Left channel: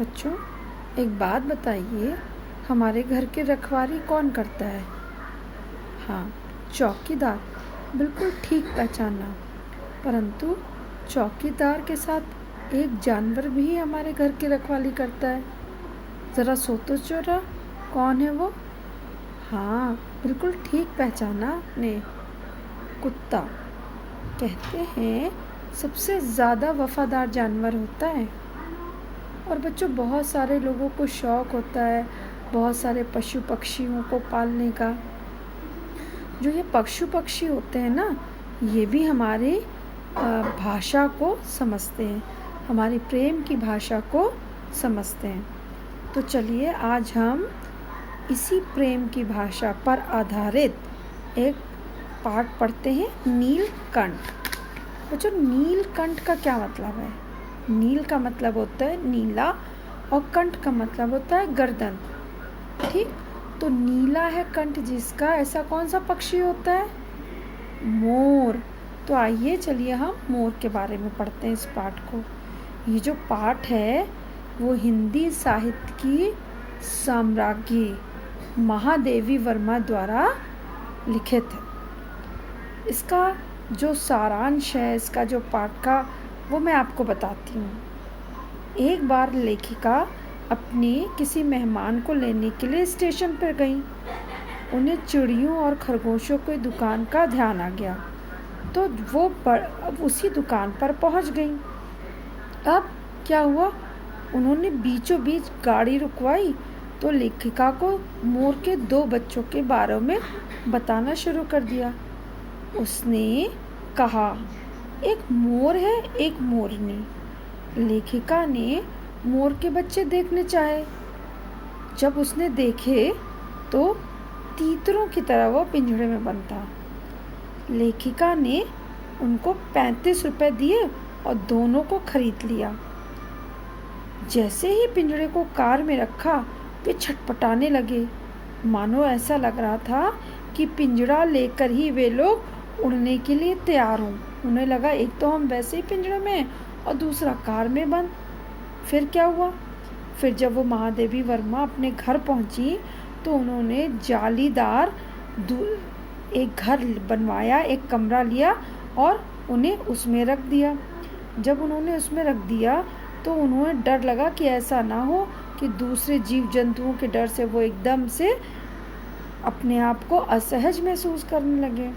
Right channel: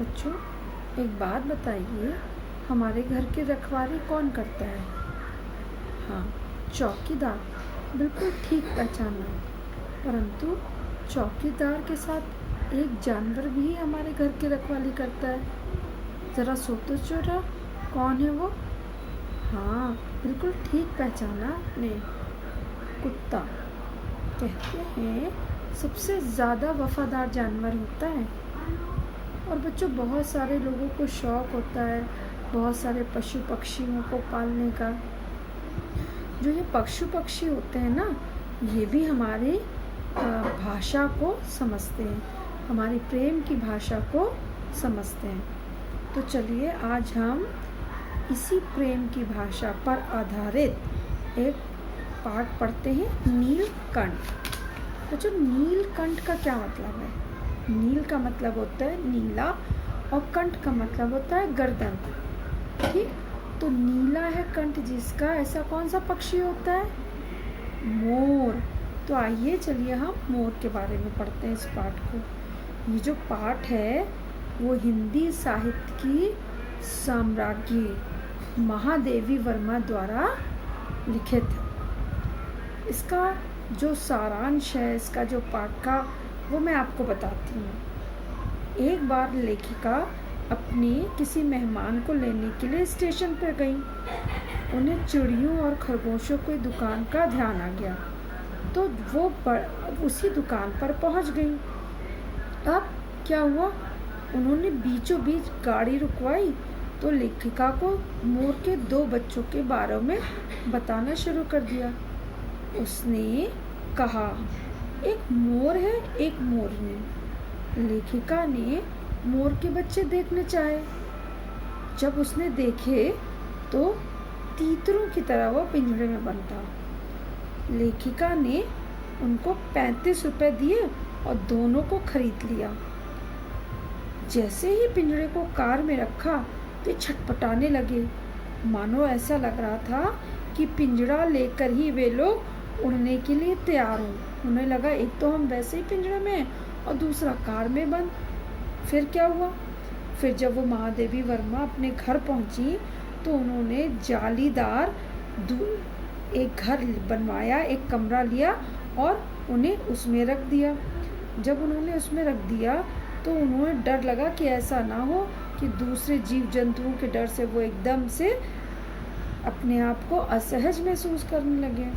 बच्चों, एक बात बताइए, हमारे घर की रखवाली कौन करता है? हाँ, चौकीदार। बिल्कुल ठीक पहचाना। परंतु चौकीदार के साथ एक जानवर भी हमारे घर की रखवाली करता है। ज़रा सोचो जरा, कौन है वो? हाँ, बिल्कुल ठीक पहचाना आपने। कुत्ता। कहते हैं सबसे ज़्यादा वफादार जानवर होता है। और बच्चों, बहुत सारे लोगों को शौक़ होता है बहुत सारे पशु पक्षियों को पालने का। जो ये पशु पक्षी होते हैं ना, ये भी हमारी भाषा को समझते हैं, हमारी प्रेम की भाषा को समझते हैं। तो चलिए आज हम इसी प्रेम की भाषा पर आधारित एक पाठ पढ़ते हैं, नीलकंठ। बच्चों, नीलकंठ का क्या मतलब है? नील का मतलब होता है नीला और कंठ का मतलब होता है गर्दन। ठीक, तो नीला है कंठ जिसका, ऐसा कौन सा पक्षी होता है? मोर। तो आइए चलिए हम मोर के बारे में पढ़ते हैं इस पाठ को। ये जो पाठ है वो हिंदी साहित्य की सम्राज्ञी महादेवी वर्मा द्वारा लिखित है। इसका जो सारांश है, इसका जो पाठ का, वो मैं आपको बताती हूँ। एक बार लेखिका अपनी किसी मेहमान को लेने के लिए स्टेशन पर गई। उन्हें चिड़ियों और खरगोशों की दुकान का ध्यान आ गया, तो वो उसी दुकान पर पहुँच गई। अब क्या हुआ, उन्होंने बीचों बीच गाड़ी रुकवाई तो लेखिका को मोर के 2 बच्चों के बारे में बताना शुरू कर दिया। उसने कहा, एक मोर है, एक मोरनी। लेखिका ने मोर के बच्चे देखने चाहे। जब उसने देखे तो तीतरों की तरह वो पिंजरे में बंद था। लेखिका ने उनको 35 रुपए दिए और दोनों को खरीद लिया। जैसे ही पिंजरे को कार में रखा, वे छटपटाने लगे, मानो ऐसा लग रहा था कि पिंजरा लेकर ही वे लोग उड़ने के लिए तैयार हों। उन्हें लगा एक तो हम वैसे ही पिंजरे में और दूसरा कार में बंद। फिर क्या हुआ, फिर जब वो महादेवी वर्मा अपने घर पहुंची तो उन्होंने जालीदार एक घर बनवाया, एक कमरा लिया और उन्हें उसमें रख दिया। जब उन्होंने उसमें रख दिया तो उन्हें डर लगा कि ऐसा ना हो कि दूसरे जीव जंतुओं के डर से वो एकदम से अपने आप को असहज महसूस करने लगे।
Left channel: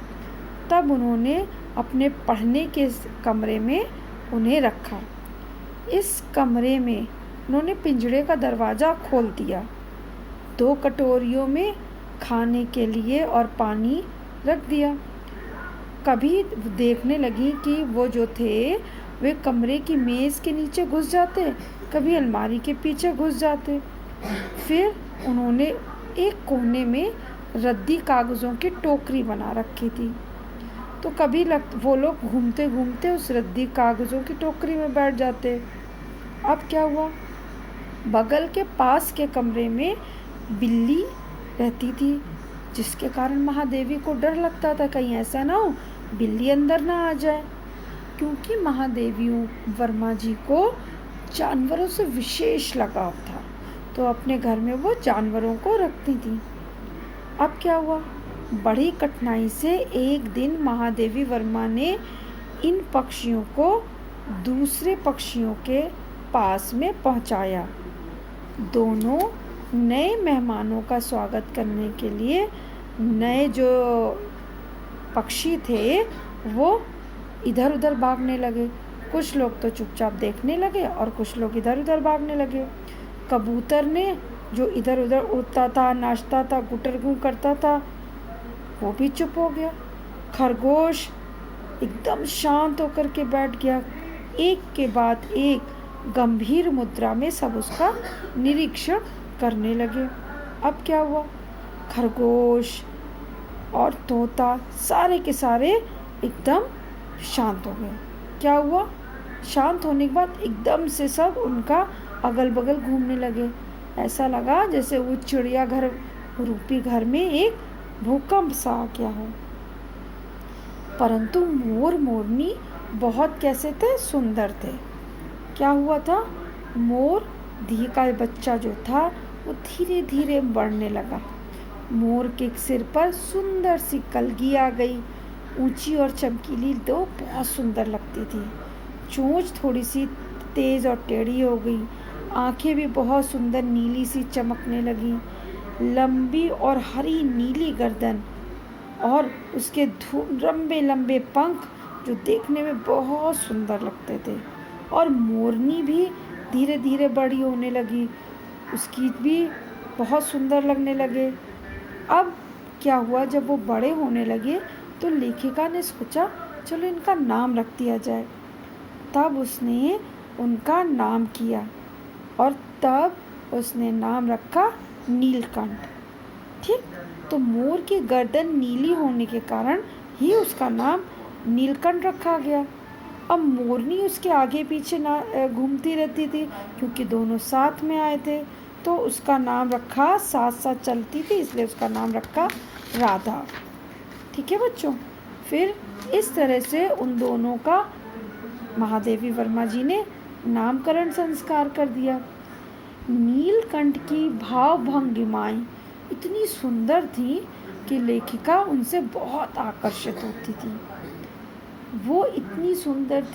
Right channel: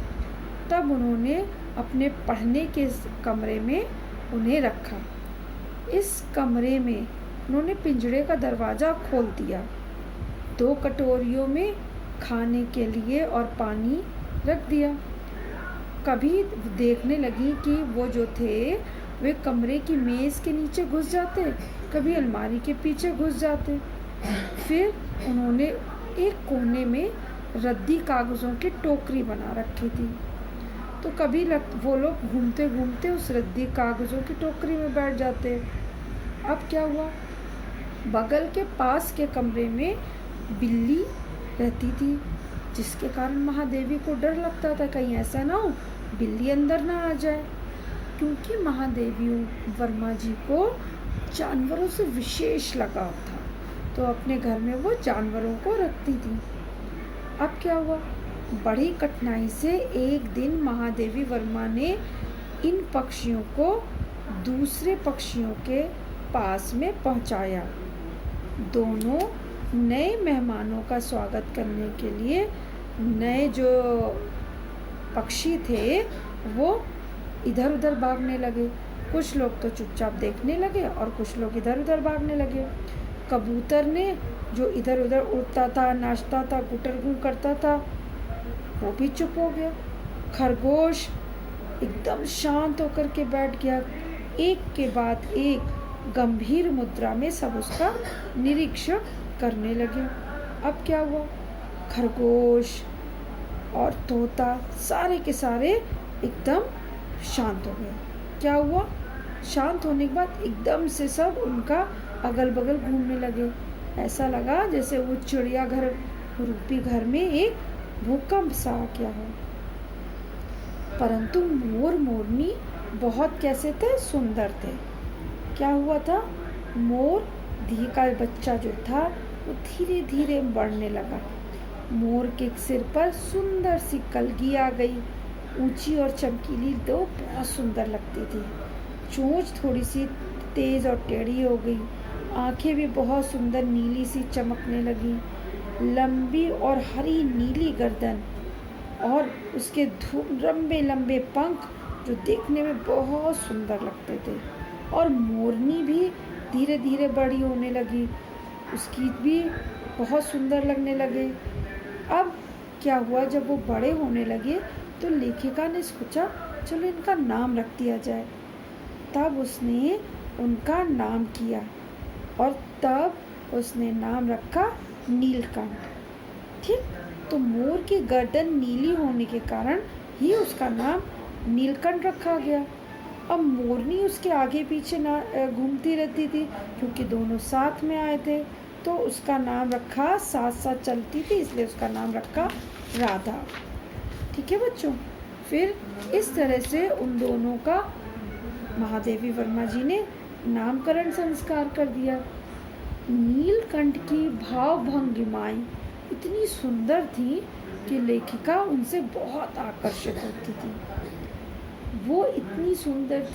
तब उन्होंने अपने पढ़ने के कमरे में उन्हें रखा। इस कमरे में उन्होंने पिंजरे का दरवाज़ा खोल दिया। 2 कटोरियों में खाने के लिए और पानी रख दिया। कभी देखने लगी कि वो जो थे वे कमरे की मेज़ के नीचे घुस जाते, कभी अलमारी के पीछे घुस जाते। फिर उन्होंने एक कोने में रद्दी कागज़ों की टोकरी बना रखी थी, तो कभी वो लोग घूमते घूमते उस रद्दी कागज़ों की टोकरी में बैठ जाते। अब क्या हुआ, बगल के पास के कमरे में बिल्ली रहती थी, जिसके कारण महादेवी को डर लगता था कहीं ऐसा ना हो बिल्ली अंदर ना आ जाए, क्योंकि महादेवी वर्मा जी को जानवरों से विशेष लगाव था, तो अपने घर में वो जानवरों को रखती थी। अब क्या हुआ, बड़ी कठिनाई से एक दिन महादेवी वर्मा ने इन पक्षियों को दूसरे पक्षियों के पास में पहुंचाया। दोनों नए मेहमानों का स्वागत करने के लिए नए जो पक्षी थे वो इधर उधर भागने लगे। कुछ लोग तो चुपचाप देखने लगे और कुछ लोग इधर उधर भागने लगे। कबूतर ने, जो इधर उधर उड़ता था, नाचता था, गुटरगू करता था, वो भी चुप हो गया। खरगोश एकदम शांत होकर के बैठ गया। एक के बाद एक गंभीर मुद्रा में सब उसका निरीक्षण करने लगे। अब क्या हुआ, खरगोश और तोता सारे के सारे एकदम शांत हो गए। क्या हुआ, शांत होने के बाद एकदम से सब उनका अगल बगल घूमने लगे। ऐसा लगा जैसे वो चिड़ियाघर रूपी घर में एक भूकंप सा आ गया हो। परंतु मोर मोरनी बहुत कैसे थे, सुंदर थे। क्या हुआ था, मोर धी का बच्चा जो था वो धीरे धीरे बढ़ने लगा। मोर के सिर पर सुंदर सी कलगी आ गई। ऊंची और चमकीली तो बहुत सुंदर लगती थी। चोंच थोड़ी सी तेज और टेढ़ी हो गई। आंखें भी बहुत सुंदर नीली सी चमकने लगी। लंबी और हरी नीली गर्दन और उसके लंबे लंबे पंख जो देखने में बहुत सुंदर लगते थे। और मोरनी भी धीरे धीरे बड़ी होने लगी। उसकी भी बहुत सुंदर लगने लगे। अब क्या हुआ, जब वो बड़े होने लगे तो लेखिका ने सोचा चलो इनका नाम रख दिया जाए। तब उसने उनका नाम किया और तब उसने नाम रखा नीलकंठ। ठीक, तो मोर की गर्दन नीली होने के कारण ही उसका नाम नीलकंठ रखा गया। अब मोरनी उसके आगे पीछे ना घूमती रहती थी, क्योंकि दोनों साथ में आए थे, तो उसका नाम रखा, साथ साथ चलती थी इसलिए उसका नाम रखा राधा। ठीक है बच्चों, फिर इस तरह से उन दोनों का महादेवी वर्मा जी ने नामकरण संस्कार कर दिया। नीलकंठ की भाव भंगिमाएं इतनी सुंदर थी कि लेखिका उनसे बहुत आकर्षित होती थी। वो इतनी सुंदर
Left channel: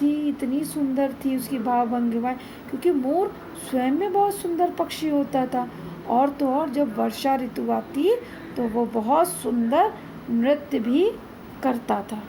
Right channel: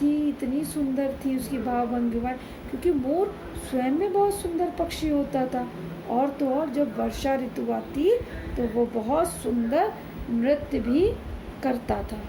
थी उसकी भाव भंगिमाएं, क्योंकि मोर स्वयं में बहुत सुंदर पक्षी होता था। और तो और जब वर्षा ऋतु आती तो वो बहुत सुंदर नृत्य भी करता था।